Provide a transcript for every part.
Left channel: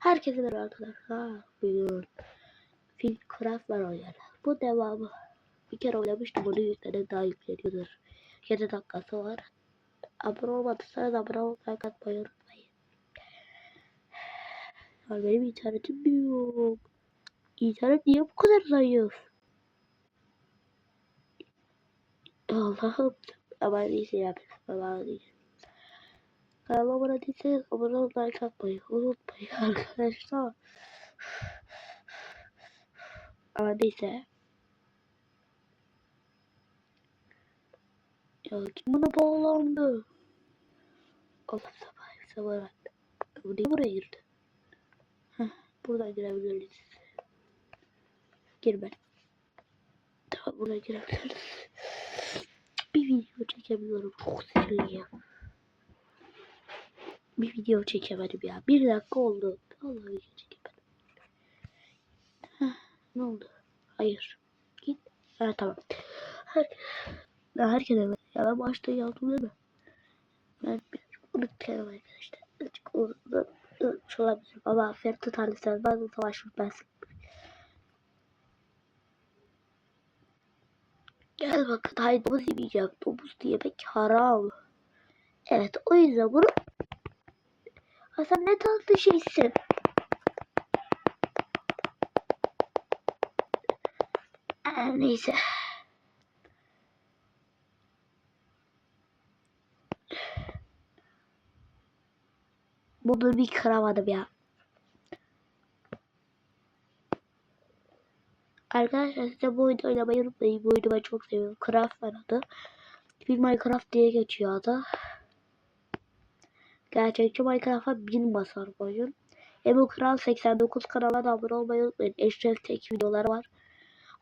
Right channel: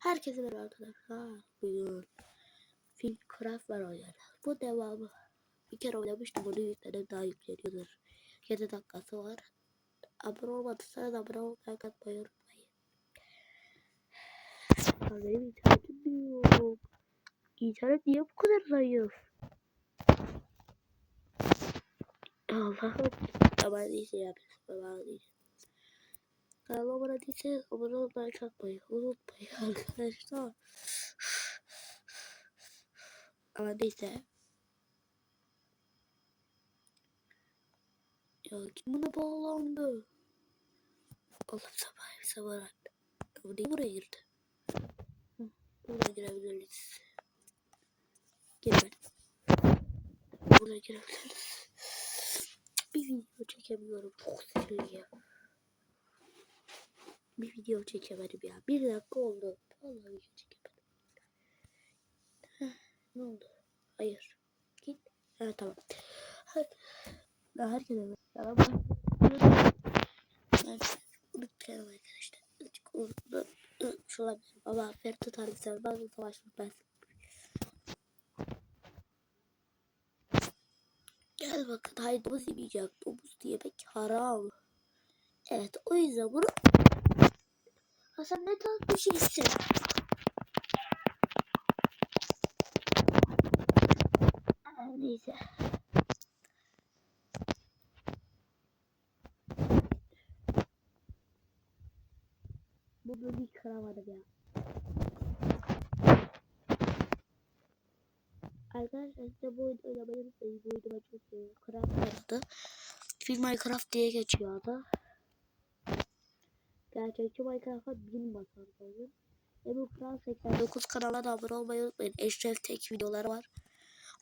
Herkese merhaba arkadaşlar. Bugün Film Craft var oynar. Bu devamı. Bir kere oynamıştım onu yükledim daha yükleniyordur. 7 dakikası var. Abone olmadıysanız abone olmayı atmayı unutmayın. Ya benim internetim yok. İnternet niye bu kadar zayıf? Allah'ım. Ama neyse yapayım. Allah'ım. Kanalıma abone değilseniz abone olmayı atmayı unutmayın arkadaşlar. Ama neyse. Ya kim bana bağlandı? Allah'ım sabah sabah. Bu niye buraya girdi? Heh, buradan girebiliriz. Girme. Tamam buradan girebiliriz. Bir video çekemiyorum. Çok sinirliyim bir video çekemedim ya. Bir dakika oldu. Vallahi video çekemedim. Heh, ne oldu? Hayır. Git. Ha tamam. Her, herkese ya ben başta yazmıyordum. Ben unutuyorum arkadaşlar. Orada unutmuş olabilirim ama Ferit tarihsel bazı savaş ben Gel bakın hayır domuz yemeyeceğim. Domuz yemek haram. Evet o yüzden bunu Hasan ne tatlı şeysin. Ee, neyse. Bunu bir kıramadım ya. Arkadaşlar size bu oyunu oynamayı unutmayın. Bu oyunu ben çok seviyorum. Craft adı. Film Minecraft diye geçiyor adı. Gerçekçi Minecraft'a bin basar bu oyun. Emo Kral 89 kanala da abone olmayı unutmayın. Eşref tek videolar var.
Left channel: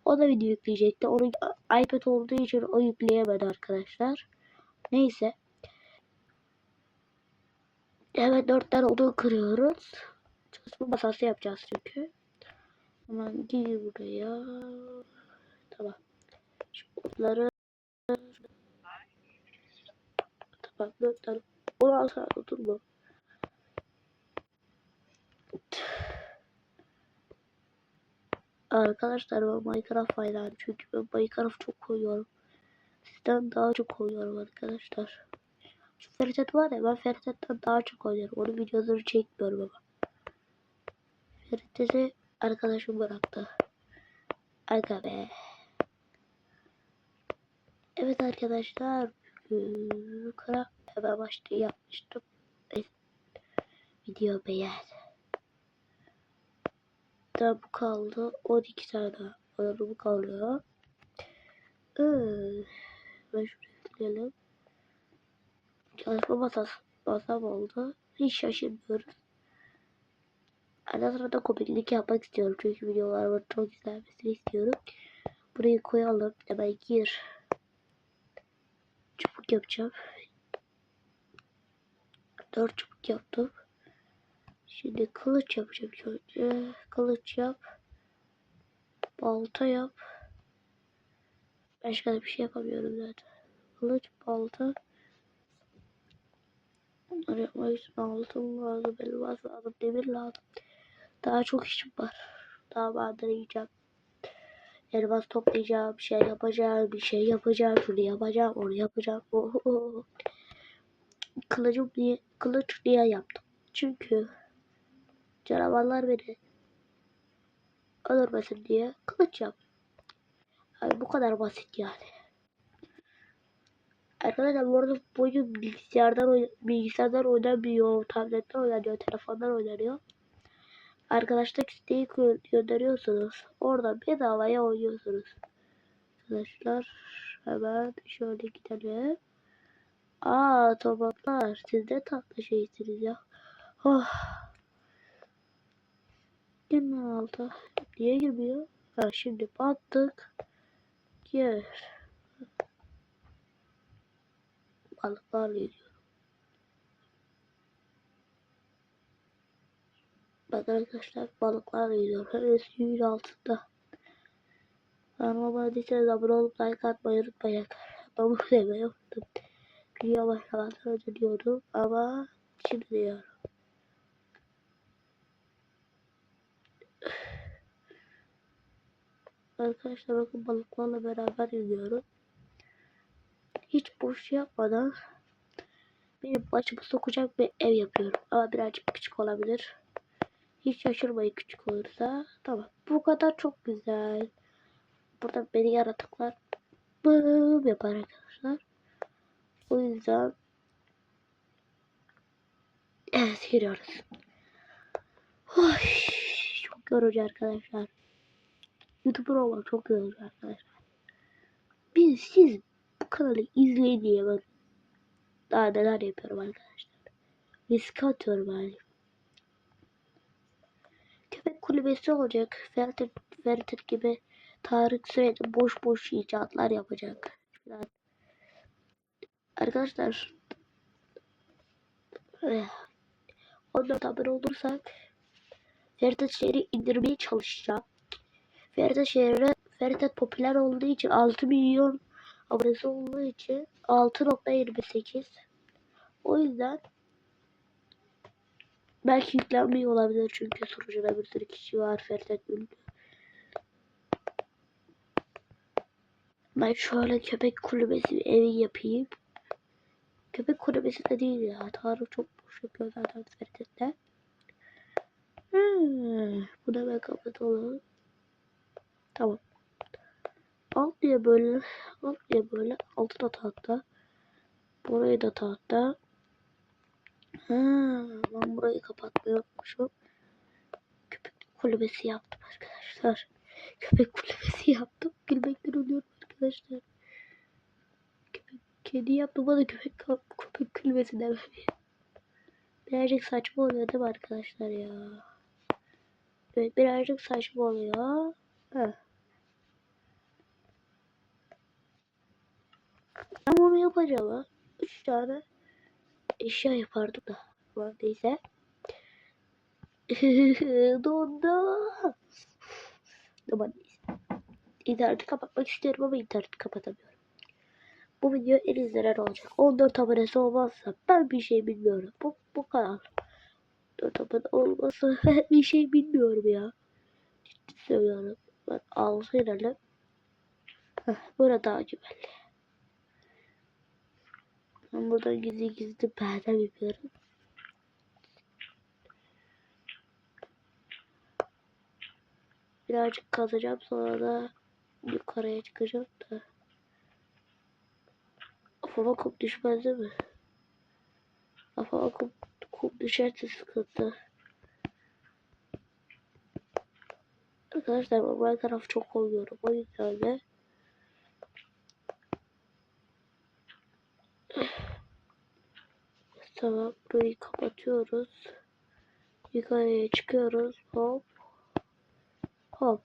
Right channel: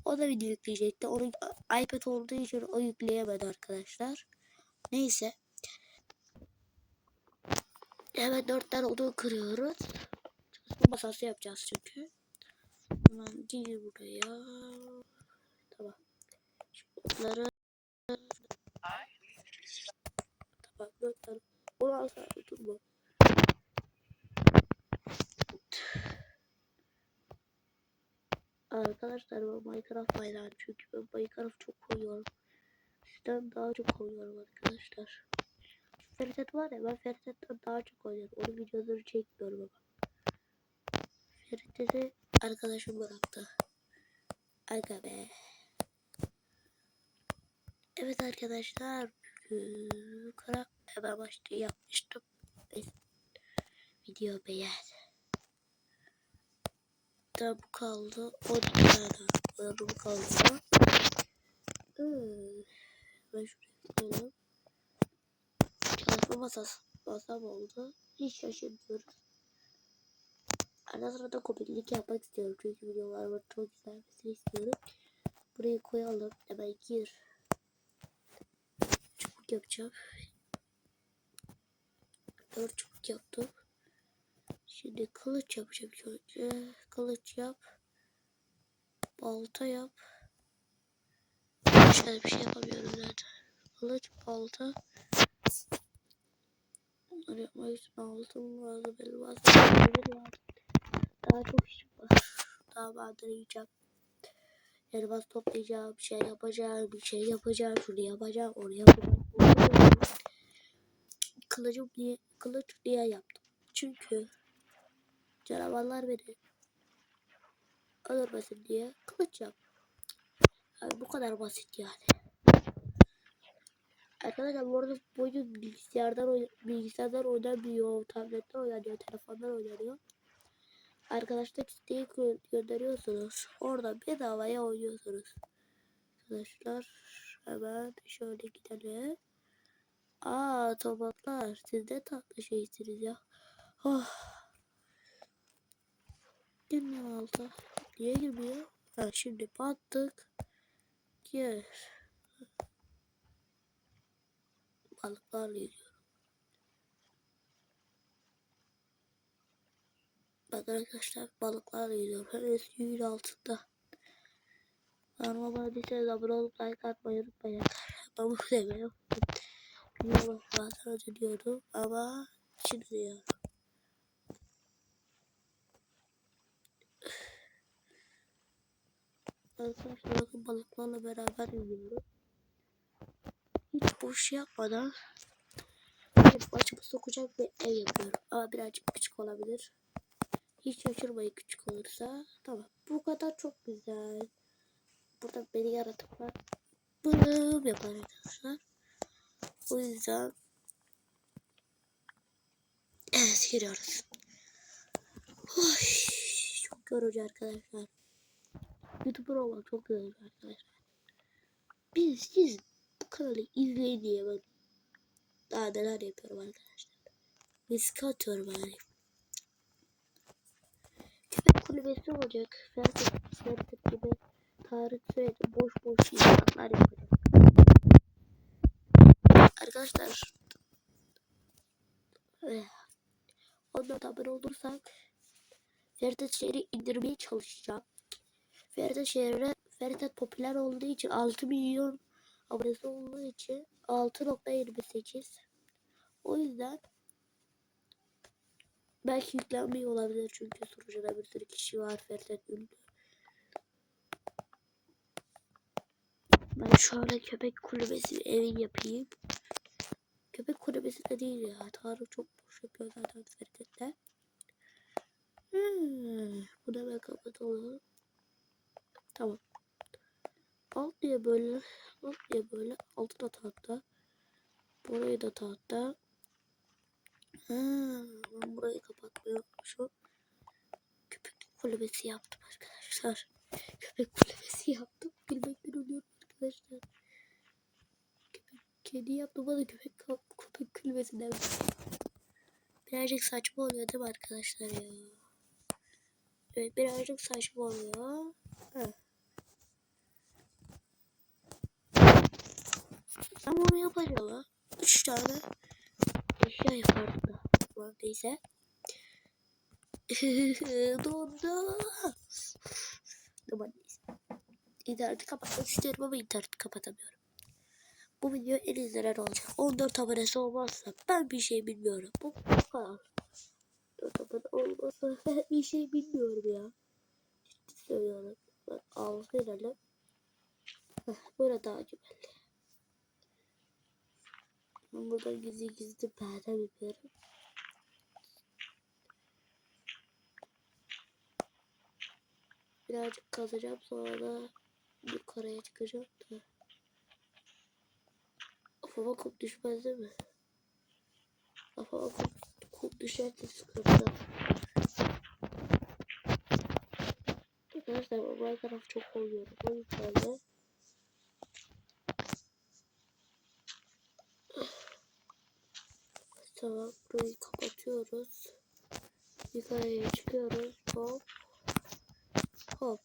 O da video yükleyecekti. Onun iPad olduğu için o yükleyemedi arkadaşlar. Neyse. Evet dört tane odun kırıyoruz. Çalışma masası yapacağız çünkü. Hemen gir buraya. Tamam. Şu odları Tamam dört tane. Onu alsana oturma. Arkadaşlar ben Minecraft hayranı çünkü ben Minecraft çok koyuyorum. Sizden daha çok koyuyorum arkadaşlar. Şu Feritet var ya ben Feritet'ten daha çok oynuyorum. Onun videoları çekmiyorum ama. Feritet'i arkadaşım bıraktı. Aga be. Evet arkadaşlar. Kara hemen başta yapmıştım. Video beğen. Daha bu kaldı. 12 tane daha. Bu kaldı. Ee, ben şuraya tıklayalım. Çalışma masası masam oldu. Hiç şaşırmıyoruz. Ara sırada komiklik yapmak istiyorum. Çünkü videolarımın çok izlenmesini istiyorum. Burayı koyalım. Hemen gir. Çubuk yapacağım. Dört çubuk yaptım. Şimdi kılıç yapacağım önce. Kılıç yap. Balta yap. Başka bir şey yapamıyorum zaten. Kılıç, balta. Bunları yapmak için altın lazım, lazım, demir lazım. Daha çok işim var. Daha bandırı yiyeceğim. Elmas toplayacağım, bir şey yapacağım, bir şey yapacağım, şunu yapacağım, onu yapacağım. Onu, onu. Kılıcım diye, kılıç diye yaptım. Çünkü canavarlar beni öldürmesin diye kılıç yap. Yani bu kadar basit yani. Arkadaşlar bu arada bu oyun bilgisayardan, bilgisayardan oynanmıyor, tabletten oynanıyor, telefondan oynanıyor. Arkadaşlık isteği gönderiyorsunuz. Orada bedavaya oynuyorsunuz. Arkadaşlar hemen şöyle gidelim. Aa tomatlar siz de tatlı şeysiniz ya. Oh. Yine aldı. Niye girmiyor? Ha, şimdi battık. Gir. Balıklarla yürüyorum. Bakın arkadaşlar balıklarla yürüyorum. Hem suyun altında. Kanalıma abone değilseniz abone olup like atmayı unutmayın. Ben bunu demiyorum. Yavaş yavaş öğreniyorum ama şimdi diyorum. Arkadaşlar bakın balıklarla beraber yüzüyorum. Hiç boş yapmadan bir başımı sokacak bir ev yapıyorum. Ama birazcık küçük olabilir. Hiç şaşırmayın küçük olursa. Tamam. Bu kadar çok güzel. Burada beni yaratıklar bım yapar arkadaşlar. O yüzden evet giriyoruz. Oy, çok yorucu arkadaşlar. YouTuber olmak çok yorucu arkadaşlar. Biz siz bu kanalı izleyin diye ben daha neler yapıyorum arkadaşlar. Risk atıyorum yani. Köpek kulübesi olacak. Ferhat, Ferhat gibi Tarık sürekli boş boş icraatlar yapacak. Arkadaşlar eh, ondan haber olursak Ferhat şehri indirmeye çalışacağım. Ferhat şehri Ferhat popüler olduğu için 6 milyon abonesi olduğu için 6.28 o yüzden belki yüklenmiyor olabilir çünkü sunucuda bir sürü kişi var Ferhat ünlü. Ben şöyle köpek kulübesi evi yapayım. Köpek kulübesi de değil ya. Tarık çok boş yapıyor zaten Ferhat'te. Hmm, bu da ben kapatalım. Tamam. Alt diye böyle, alt diye böyle, altı da tahta. Burayı da tahta. Ha, ben burayı kapatmayı unutmuşum. Köpek kulübesi yaptım arkadaşlar. Köpek kulübesi yaptım. Gülmekten ölüyorum arkadaşlar. Kedi yaptım bana köpek, köpek kulübesi demek. Birazcık saçma oluyor değil mi arkadaşlar ya? Evet birazcık saçma oluyor. Heh. Ama onu yapacağım ha. Üç tane eşya yapardım da. Ama neyse. Dondu. Aman neyse. İnterneti kapatmak istiyorum ama interneti kapatamıyorum. Bu video en izlenen olacak. 14 abonesi olmazsa ben bir şey bilmiyorum. Bu, bu kadar. 4 abone olmazsa bir şey bilmiyorum ya. Ciddi söylüyorum. Ben 6 ilerle. Burada daha güvenli. Ben burada gizli gizli perde yapıyorum. Birazcık kazacağım sonra da yukarıya çıkacağım da. Kafama kum düşmez değil mi? Kafama kum, kum düşerse sıkıntı. Arkadaşlar ben Minecraft çok oynuyorum. O yüzden de Tamam burayı kapatıyoruz. Yukarıya çıkıyoruz. Hop. Hop.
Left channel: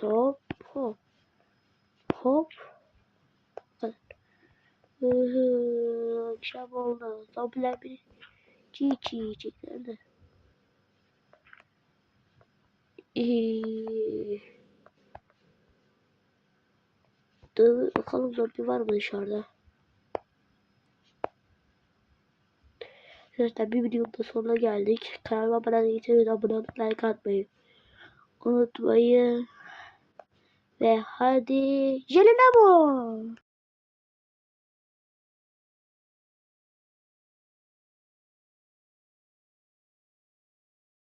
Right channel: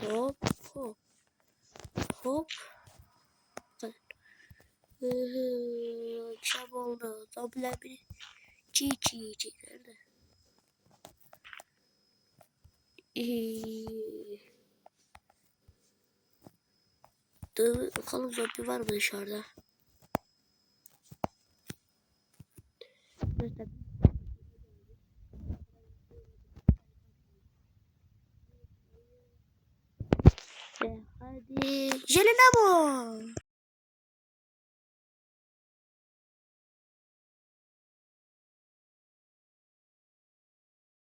Hop. Hop. Hop. Akşam oldu. Zombiler beni çiğ çiğ yiyeceklerdi. Ee, dur bakalım zombi var mı dışarıda? Arkadaşlar bir videonun sonuna geldik. Kanalıma abone değilseniz abone olup like atmayı unutmayın. Ve hadi Jelena